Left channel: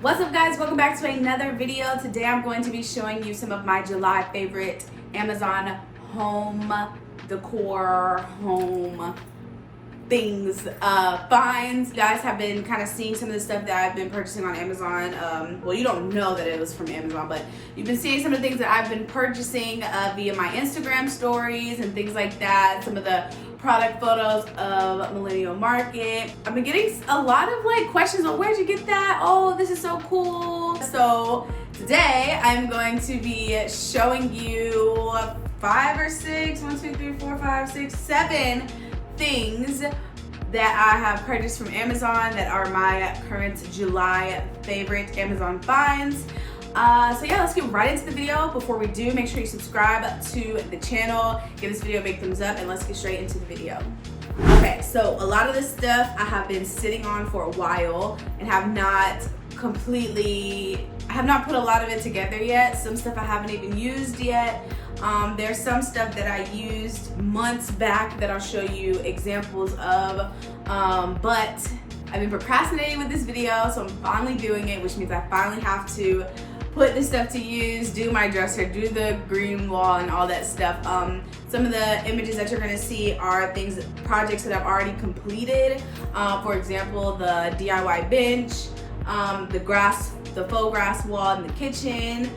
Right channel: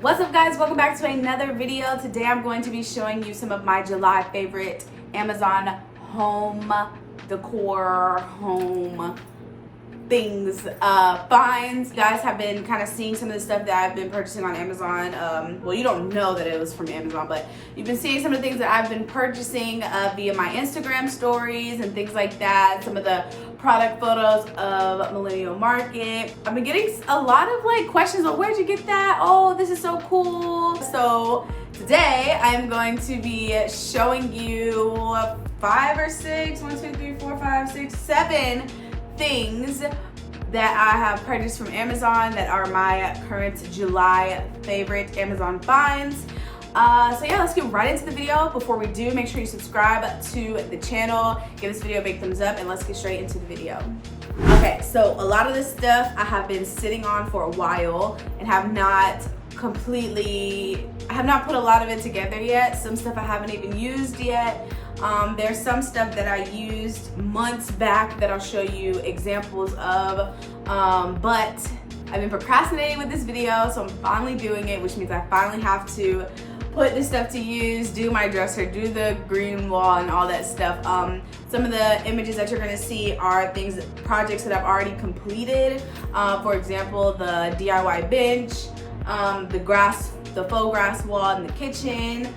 What's up, guys? Welcome back to another video. Today I'm going to be showing you some of my July favorite Amazon home decor, home things, finds. Guys have been kind of seeing some of the stuff that I've been purchasing on Amazon. Well, you don't know that it was from Amazon, but you've been seeing some of the things that I've been purchasing via my Instagram stories and things like that. Some of the product photos of Millennial Market. I've been getting a lot of questions on where'd you get that? Oh, this is so cool. So today I'm going to be showing you 5 or 6, 1, 2, 3, 4, 5, 6, 7 things that I have purchased from Amazon that are my current July favorite Amazon finds. So yeah, let's get right into the video. Before we do, make sure you subscribe to the channel, give this video a big thumbs up, and let's get straight into the video. Okay, so a lot of this stuff I have been sitting on for a while and have not put a lot of it together yet. Some stuff I haven't even used yet. There's some stuff that I used months back that I'll show you examples of, but I've been procrastinating with this video, so I'm finally doing it, which means I finally have to put this stuff to use, do my dresser, do the green wall and all that stuff. Some of the images that you're gonna see are projects that I've already completed. For example, the DIY bench, the faux grass wall in the kitchen,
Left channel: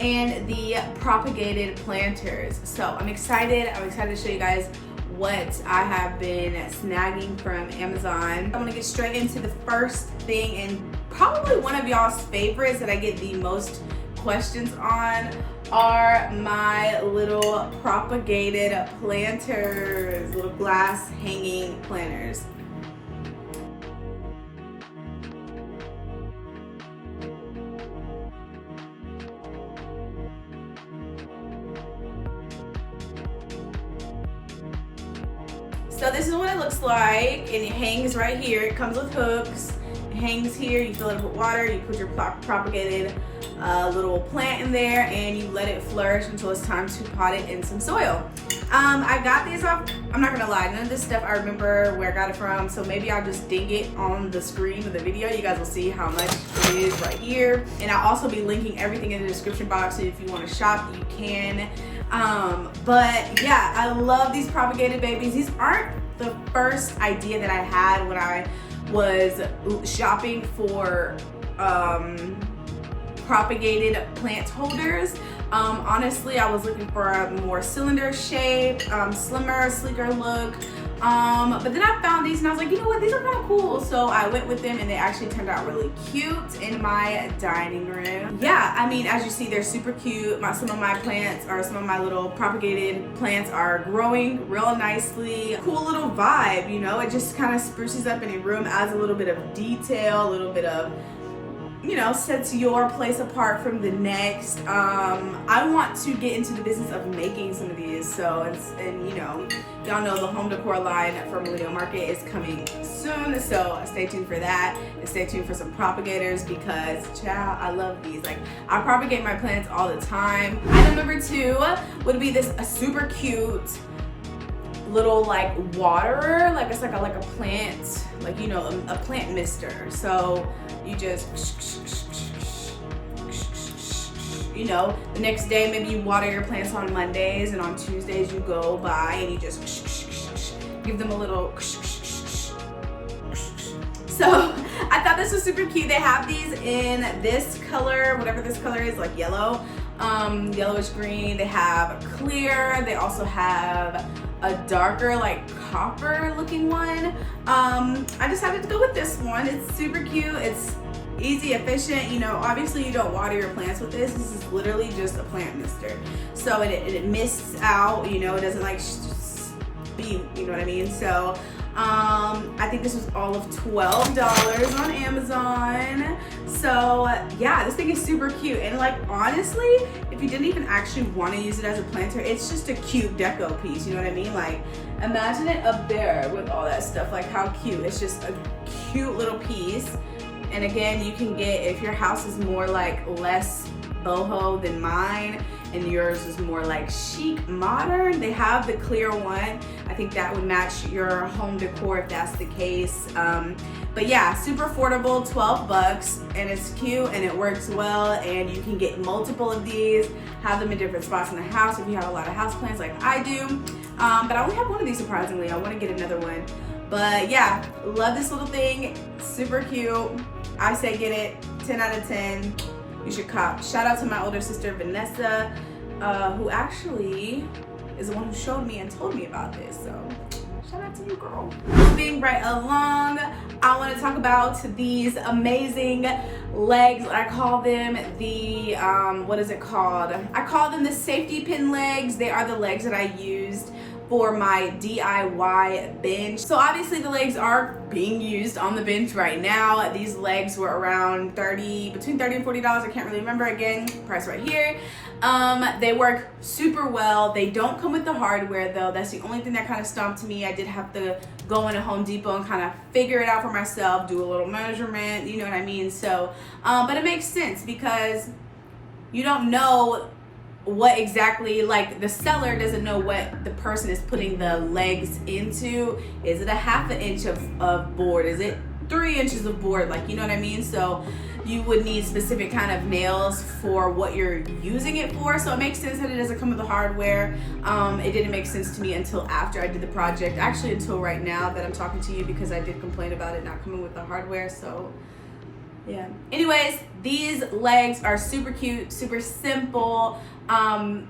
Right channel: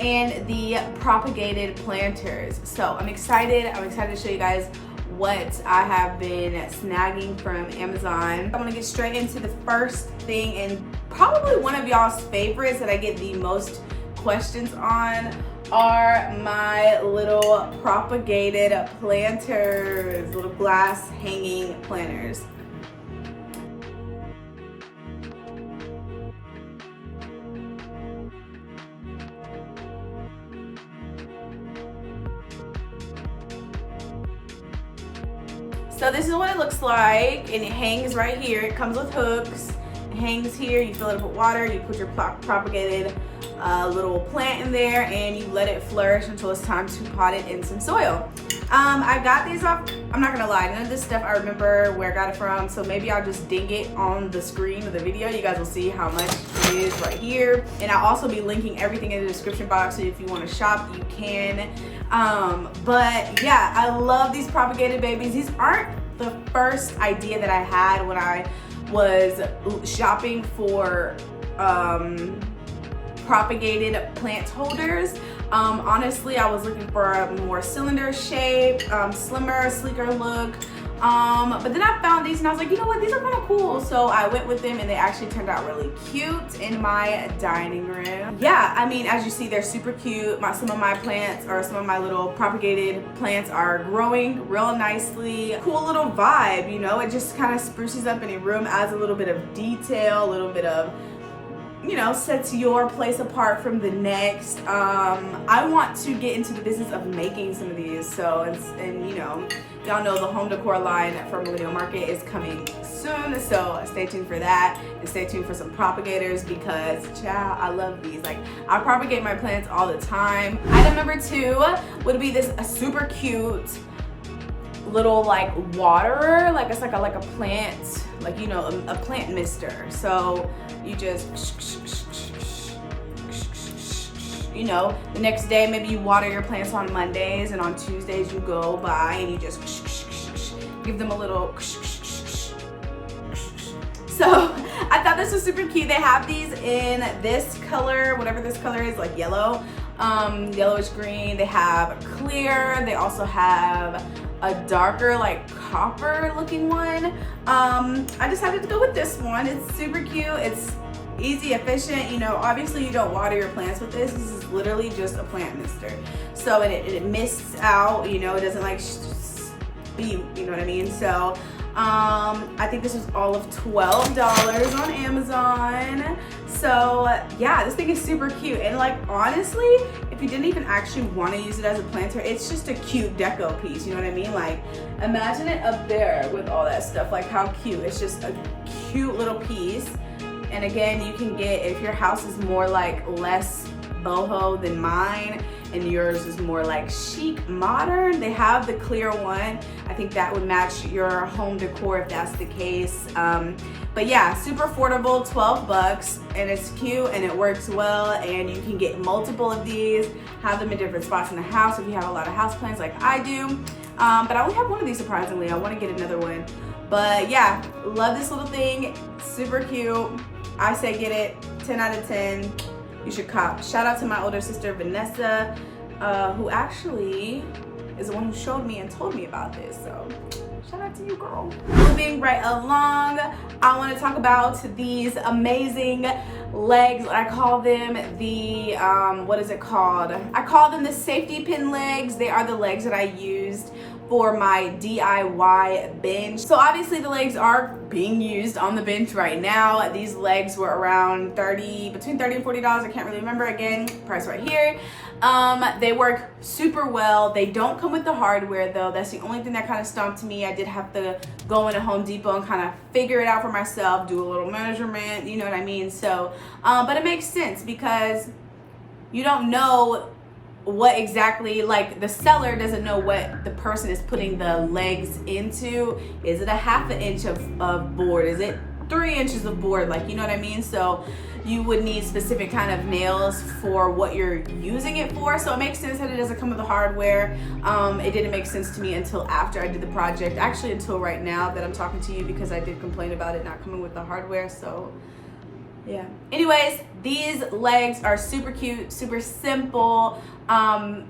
and the propagated planters. So I'm excited to show you guys what I have been snagging from Amazon. I'm gonna get straight into the first thing, and probably one of y'all's favorites that I get the most questions on are my little propagated planters, little glass hanging planters. So this is what it looks like, and it hangs right here. It comes with hooks. It hangs here. You fill it up with water. You put your propagated little plant in there, and you let it flourish until it's time to pot it in some soil. I got these off. I'm not gonna lie, none of this stuff I remember where I got it from. So maybe I'll just ding it on the screen of the video. You guys will see how much it is right here, and I'll also be linking everything in the description box. So if you want to shop, you can. But yeah, I love these propagated babies. These aren't the first idea that I had when I was shopping for propagated plant holders. Honestly, I was looking for a more cylinder shape, slimmer, sleeker look. But then I found these and I was like, you know what, these are kind of cool. So I went with them and they actually turned out really cute in my dining room. Yeah, I mean, as you see, they're super cute. Some of my little propagated plants are growing real nicely. Cool little vibe, you know, it just kind of spruces up any room, adds a little bit of detail, a little bit of, you know, sets your place apart from the next. I want to get into the business of making some of these. So, and you know, y'all know the home decor line from Millennial Market is coming soon. So stay tuned for that, and stay tuned for some propagators because, child, I love these. Like, I propagate my plants all the time. Item number 2 would be a super cute little waterer. It's like a plant, you know, a plant mister. So you just, you know, the next day maybe you water your plants on Mondays, and on Tuesdays you go by and you just give them a little. So I thought this was super cute. They have these in this color, whatever this color is, like yellow, yellowish green. They have clear. They also have a darker, copper looking one. I decided to go with this one. It's super cute. It's easy, efficient. You know, obviously you don't water your plants with this. This is literally just a plant mister. So it mists out, you know, it doesn't spew, you know what I mean? So I think this was all of $12 on Amazon. So yeah, this thing is super cute. And honestly, if you didn't even actually want to use it as a planter, it's just a cute deco piece, you know what I mean? Imagine it up there with all that stuff. How cute. It's just a cute little piece. And again, you can get, if your house is more less boho than mine, and yours is more chic modern, they have the clear one. I think that would match your home decor if that's the case. But yeah, super affordable, 12 bucks, and it's cute and it works well, and you can get multiple of these, have them in different spots in the house if you have a lot of houseplants like I do. But I only have one of these surprisingly. I want to get another one. But yeah, love this little thing, super cute. I say get it, 10 out of 10. You should cop. Shout out to my older sister, Vanessa, who actually is the one who showed me and told me about this. So shout out to you, girl. Moving right along, I want to talk about these amazing legs. I call them the, what is it called? I call them the safety pin legs. They are the legs that I used for my DIY bench. So obviously the legs are being used on the bench right now. These legs were around between $30 and $40. I can't really remember, again, price right here. They work super well. They don't come with the hardware though. That's the only thing that kind of stumped me. I did have to go into Home Depot and kind of figure it out for myself, do a little measurement, you know what I mean? So, but it makes sense because you don't know what exactly, like the seller doesn't know what the person is putting the legs into. Is it a half an inch of board? Is it 3 inches of board? Like, you know what I mean? So you would need specific kind of nails for what you're using it for. So it makes sense that it doesn't come with the hardware. It didn't make sense to me until after I did the project. Actually, until right now that I'm talking to you, because I did complain about it not coming with the hardware. So yeah. Anyways, these legs are super cute, super simple.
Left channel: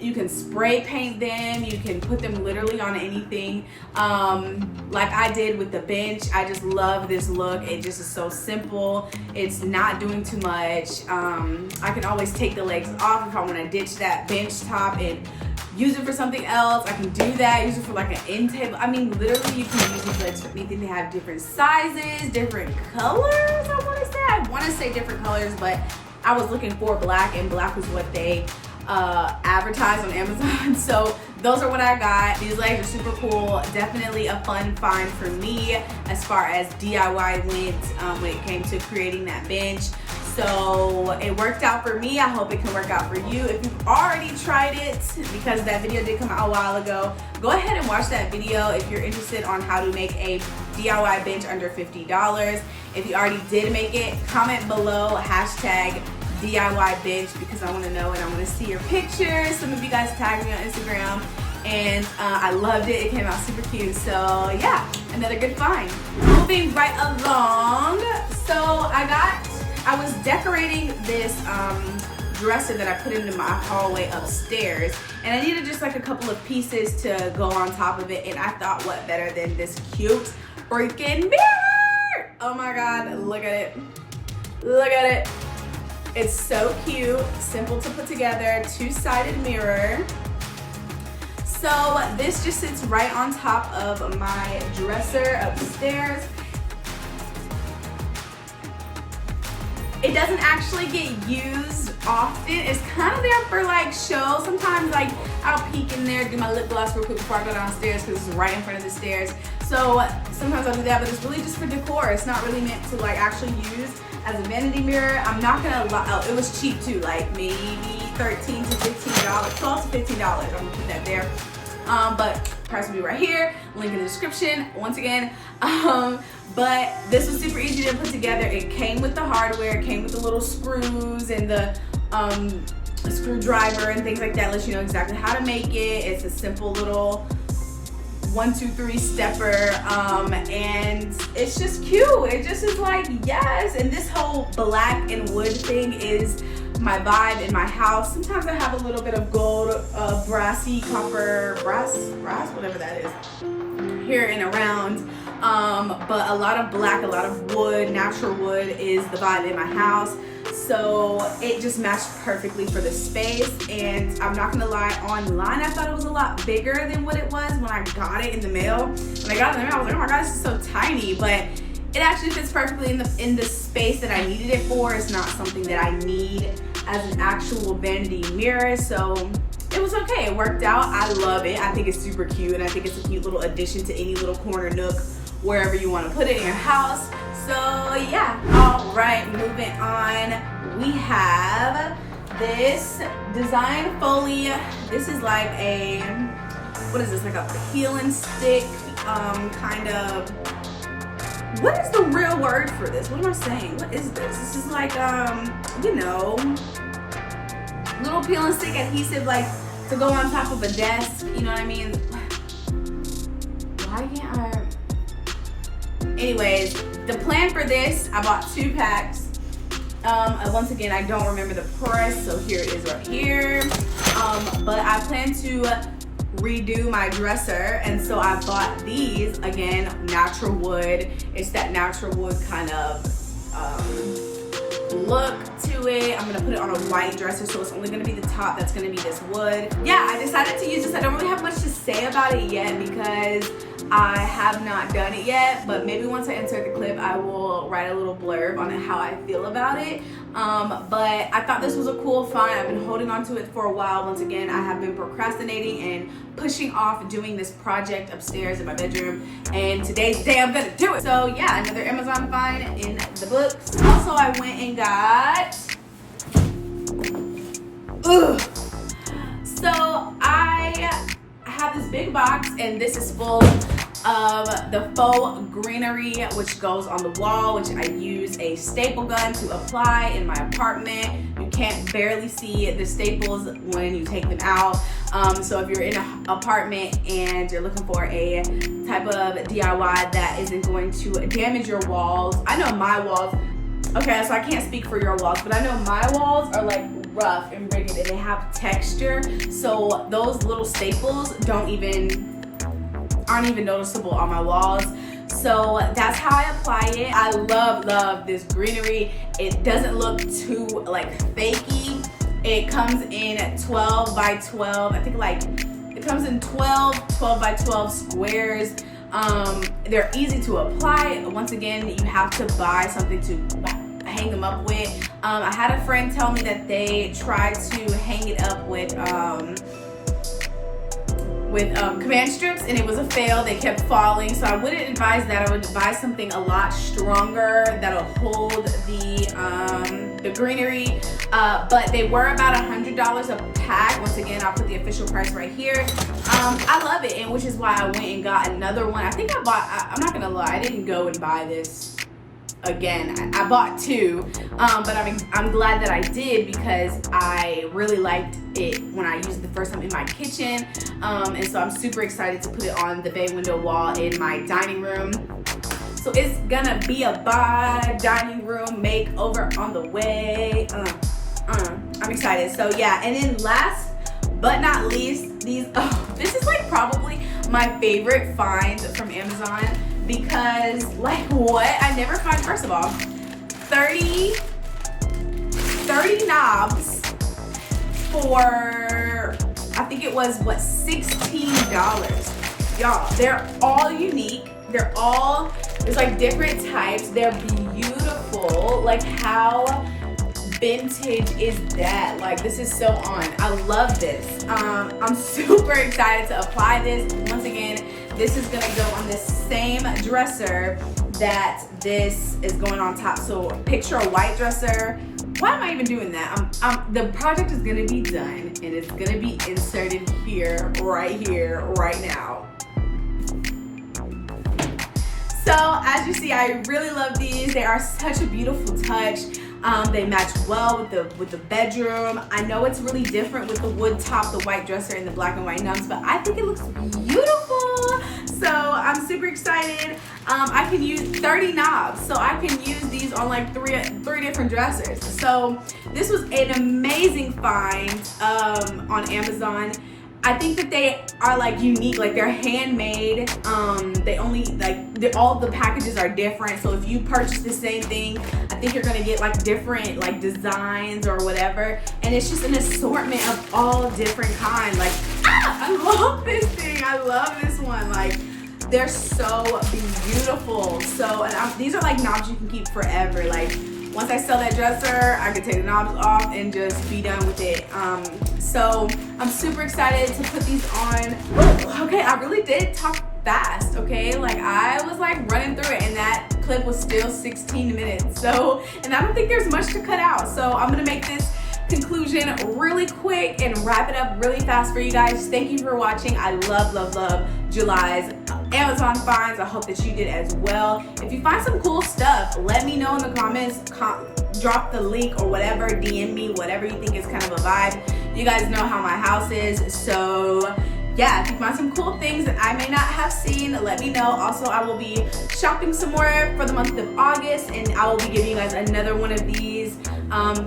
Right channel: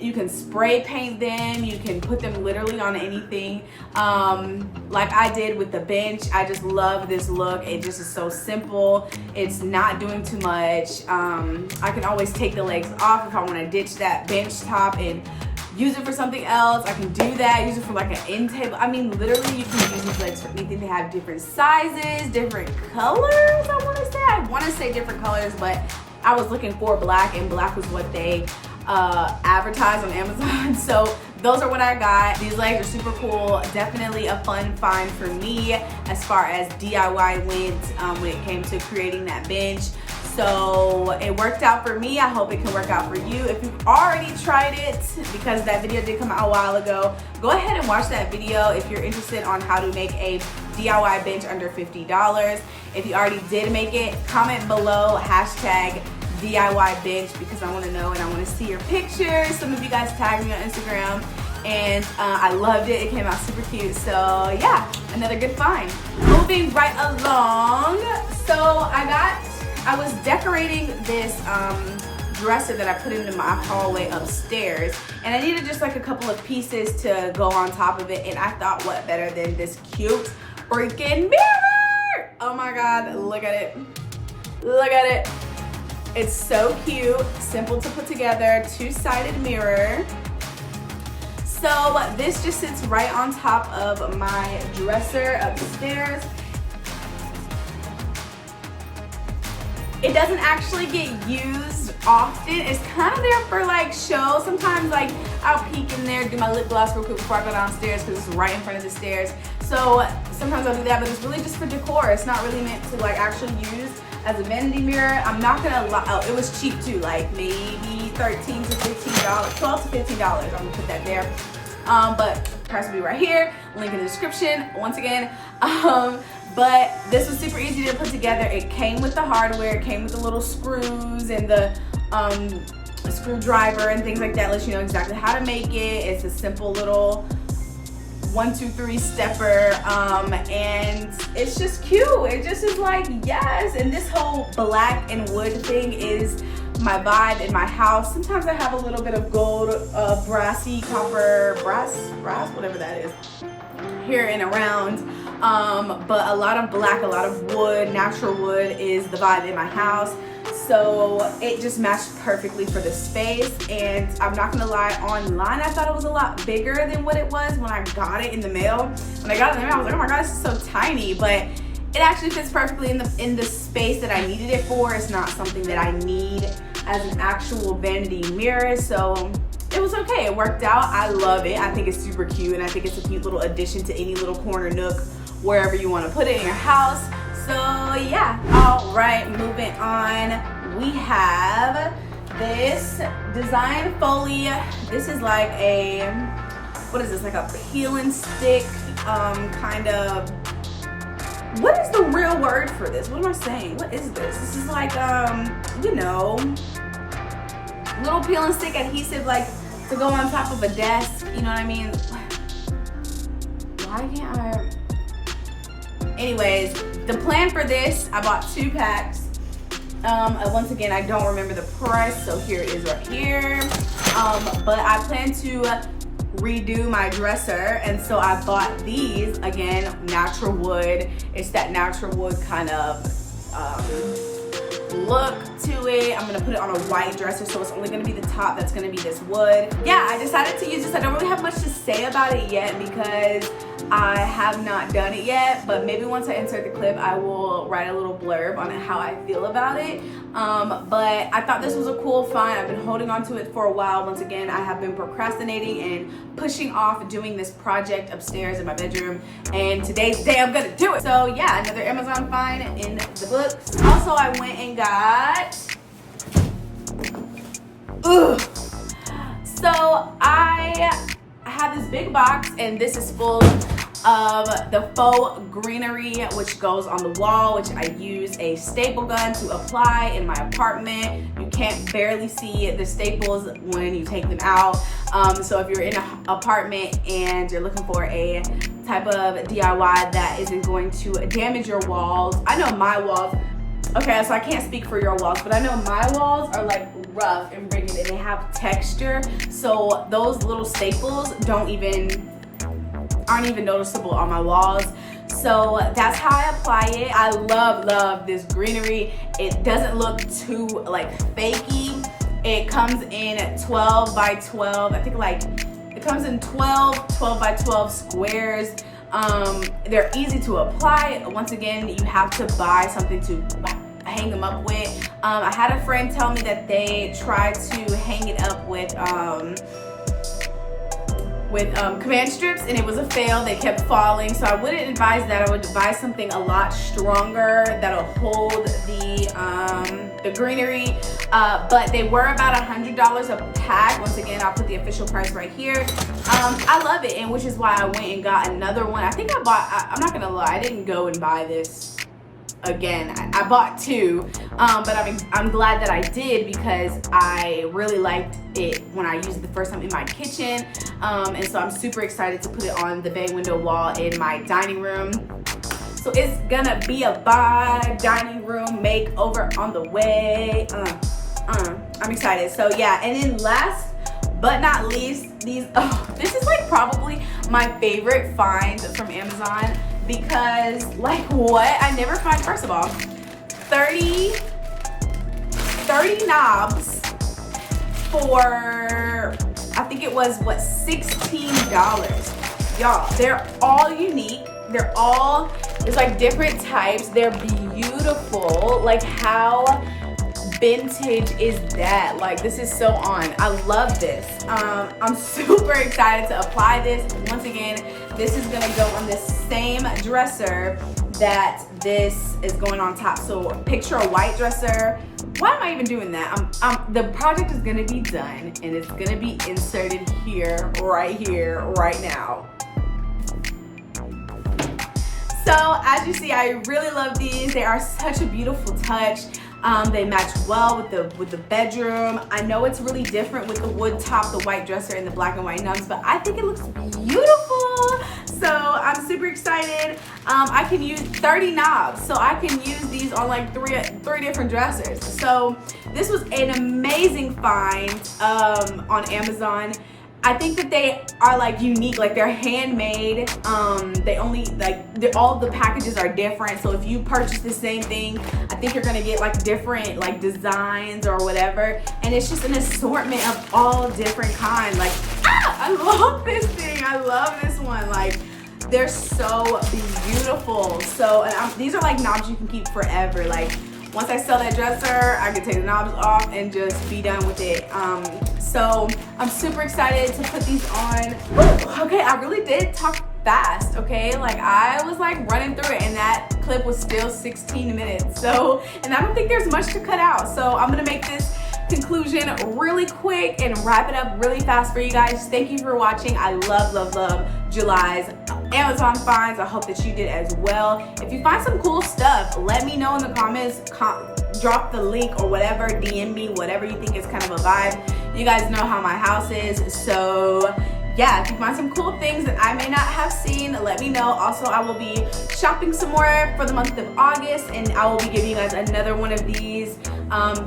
You can spray paint them. You can put them literally on anything. Like I did with the bench. I just love this look. It just is so simple. It's not doing too much. I can always take the legs off if I want to ditch that bench top and use it for something else. I can do that. Use it for like an end table. I mean, literally, you can use these legs for anything. They have different sizes, different colors. I want to say different colors, but I was looking for black, and black was what they advertised on Amazon. So those are what I got. These legs are super cool. Definitely a fun find for me as far as DIY went when it came to creating that bench. So it worked out for me. I hope it can work out for you. If you've already tried it, because that video did come out a while ago, go ahead and watch that video if you're interested on how to make a DIY bench under $50. If you already did make it, comment below hashtag DIY bench, because I want to know and I want to see your pictures. Some of you guys tagged me on Instagram, and I loved it. It came out super cute. So yeah, another good find. Moving right along, so I was decorating this dresser that I put into my hallway upstairs, and I needed just like a couple of pieces to go on top of it, and I thought, what better than this cute freaking mirror? Oh my god, look at it. Look at it. It's so cute, simple to put together, two-sided mirror. So this just sits right on top of my dresser upstairs. It doesn't actually get used often. It's kind of there for like show. Sometimes like I'll peek in there, do my lip gloss real quick before I go downstairs because it's right in front of the stairs. So sometimes I'll do that, but it's really just for decor. It's not really meant to like actually use as a vanity mirror. I'm not gonna lie, oh, it was cheap too, like maybe $13 to $15, $12 to $15. I'm gonna put that there. But price will be right here, link in the description once again. But this was super easy to put together. It came with the hardware, it came with the little screws and the screwdriver and things like that. Lets you know exactly how to make it. It's a simple little 1, 2, 3 stepper, and it's just cute. It just is like, yes. And this whole black and wood thing is my vibe in my house. Sometimes I have a little bit of gold, brassy, copper, brass, whatever that is, here and around. But a lot of black, a lot of wood, natural wood is the vibe in my house. So it just matched perfectly for the space. And I'm not gonna lie, online I thought it was a lot bigger than what it was when I got it in the mail. When I got it in the mail, I was like, oh my god, this is so tiny. But it actually fits perfectly in the space that I needed it for. It's not something that I need as an actual vanity mirror. So it was okay, it worked out. I love it. I think it's super cute, and I think it's a cute little addition to any little corner nook, wherever you want to put it in your house. So yeah, all right, moving on. We have this Designfolia. This is like a what is this, like a peel and stick kind of, what is the real word for this? What am I saying? What is this? This is like, you know, little peel and stick adhesive, like to go on top of a desk, you know what I mean? Why can't I? Anyways, the plan for this, I bought 2 packs. Once again, I don't remember the price, so here it is right here. But I plan to redo my dresser, and so I bought these, again, natural wood. It's that natural wood kind of look to it. I'm gonna put it on a white dresser, so it's only gonna be the top that's gonna be this wood. Yeah, I decided to use this. I don't really have much to say about it yet because I have not done it yet, but maybe once I insert the clip, I will write a little blurb on how I feel about it. But I thought this was a cool find. I've been holding on to it for a while. Once again, I have been procrastinating and pushing off doing this project upstairs in my bedroom, and today's the day I'm gonna do it. So yeah, another Amazon find in the books. Also, I went and got, so I have this big box, and this is full of the faux greenery, which goes on the wall, which I use a staple gun to apply in my apartment. You can't barely see the staples when you take them out. So if you're in an apartment and you're looking for a type of DIY that isn't going to damage your walls, I know my walls, okay, so I can't speak for your walls, but I know my walls are like rough and rigid and they have texture. So those little staples aren't even noticeable on my walls. So that's how I apply it. I love this greenery. It doesn't look too like fakey. It comes in 12 by 12. I think like it comes in 12 by 12 squares. They're easy to apply. Once again, you have to buy something to hang them up with. I had a friend tell me that they tried to hang it up with command strips, and it was a fail. They kept falling, so I wouldn't advise that. I would advise something a lot stronger that'll hold the greenery. But they were about $100 a pack. Once again, I'll put the official price right here. I love it, and which is why I went and got another one. I think I'm not gonna lie, I didn't go and buy this again. I bought 2, but I'm glad that I did because I really liked it when I used it the first time in my kitchen, and so I'm super excited to put it on the bay window wall in my dining room. So it's gonna be a dining room makeover on the way. I'm excited. So yeah, and then last but not least, this is like probably my favorite find from Amazon. Because, like, what? I never find, first of all, 30 knobs for, I think it was, what, $16. Y'all, they're all unique. There's like different types. They're beautiful. Like, how vintage is that? Like, this is so on. I love this. I'm super excited to apply this. Once again, this is gonna go on the same dresser that this is going on top. So picture a white dresser. Why am I even doing that? The project is gonna be done and it's gonna be inserted here, right now. So as you see, I really love these. They are such a beautiful touch. They match well with the bedroom. I know it's really different with the wood top, the white dresser, and the black and white knobs, but I think it looks beautiful. So I'm super excited. I can use 30 knobs, so I can use these on like three different dressers. So this was an amazing find on Amazon. I think that they are like unique, like they're handmade. They only all the packages are different. So if you purchase the same thing, I think you're gonna get like different like designs or whatever. And it's just an assortment of all different kinds. Like, I love this thing. I love this one. Like, they're so beautiful. So, and these are like knobs you can keep forever. Like, once I sell that dresser, I can take the knobs off and just be done with it. So I'm super excited to put these on. Okay, I really did talk fast, okay? Like, I was like running through it and that clip was still 16 minutes. So, and I don't think there's much to cut out. So I'm gonna make this conclusion really quick and wrap it up really fast for you guys. Thank you for watching. I love July's Amazon finds. I hope that you did as well. If you find some cool stuff, let me know in the comments. Drop the link or whatever, DM me, whatever you think is kind of a vibe. You guys know how my house is, so yeah, if you find some cool things that I may not have seen, let me know. Also, I will be shopping some more for the month of August, and I will be giving you guys another one of these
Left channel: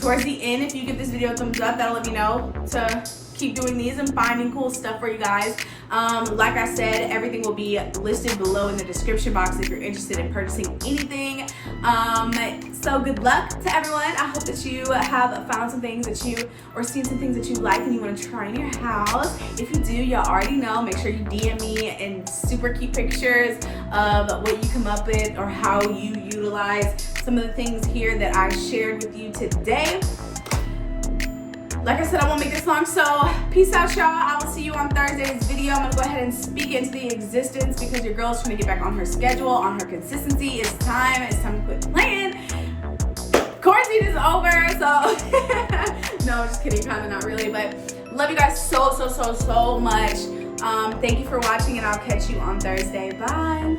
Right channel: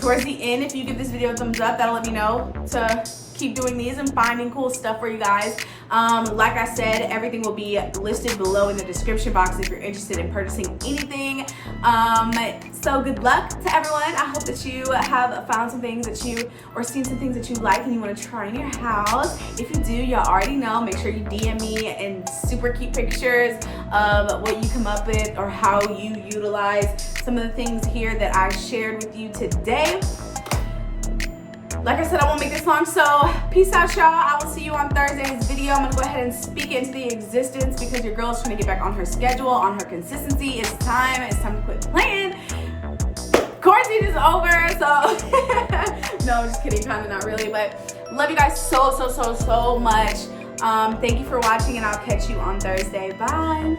towards the end. If you give this video a thumbs up, that'll let me know to keep doing these and finding cool stuff for you guys. Like I said, everything will be listed below in the description box if you're interested in purchasing anything. So good luck to everyone. I hope that you have found some things that you, or seen some things that you like and you want to try in your house. If you do, y'all already know, make sure you DM me and super cute pictures of what you come up with or how you utilize some of the things here that I shared with you today. Like I said, I won't make this long, so peace out, y'all. I will see you on Thursday's video. I'm gonna go ahead and speak into the existence because your girl's trying to get back on her schedule, on her consistency. It's time to quit playing. Quarantine is over, so no, just kidding, kind of not really, but love you guys so much. Thank you for watching, and I'll catch you on Thursday. Bye.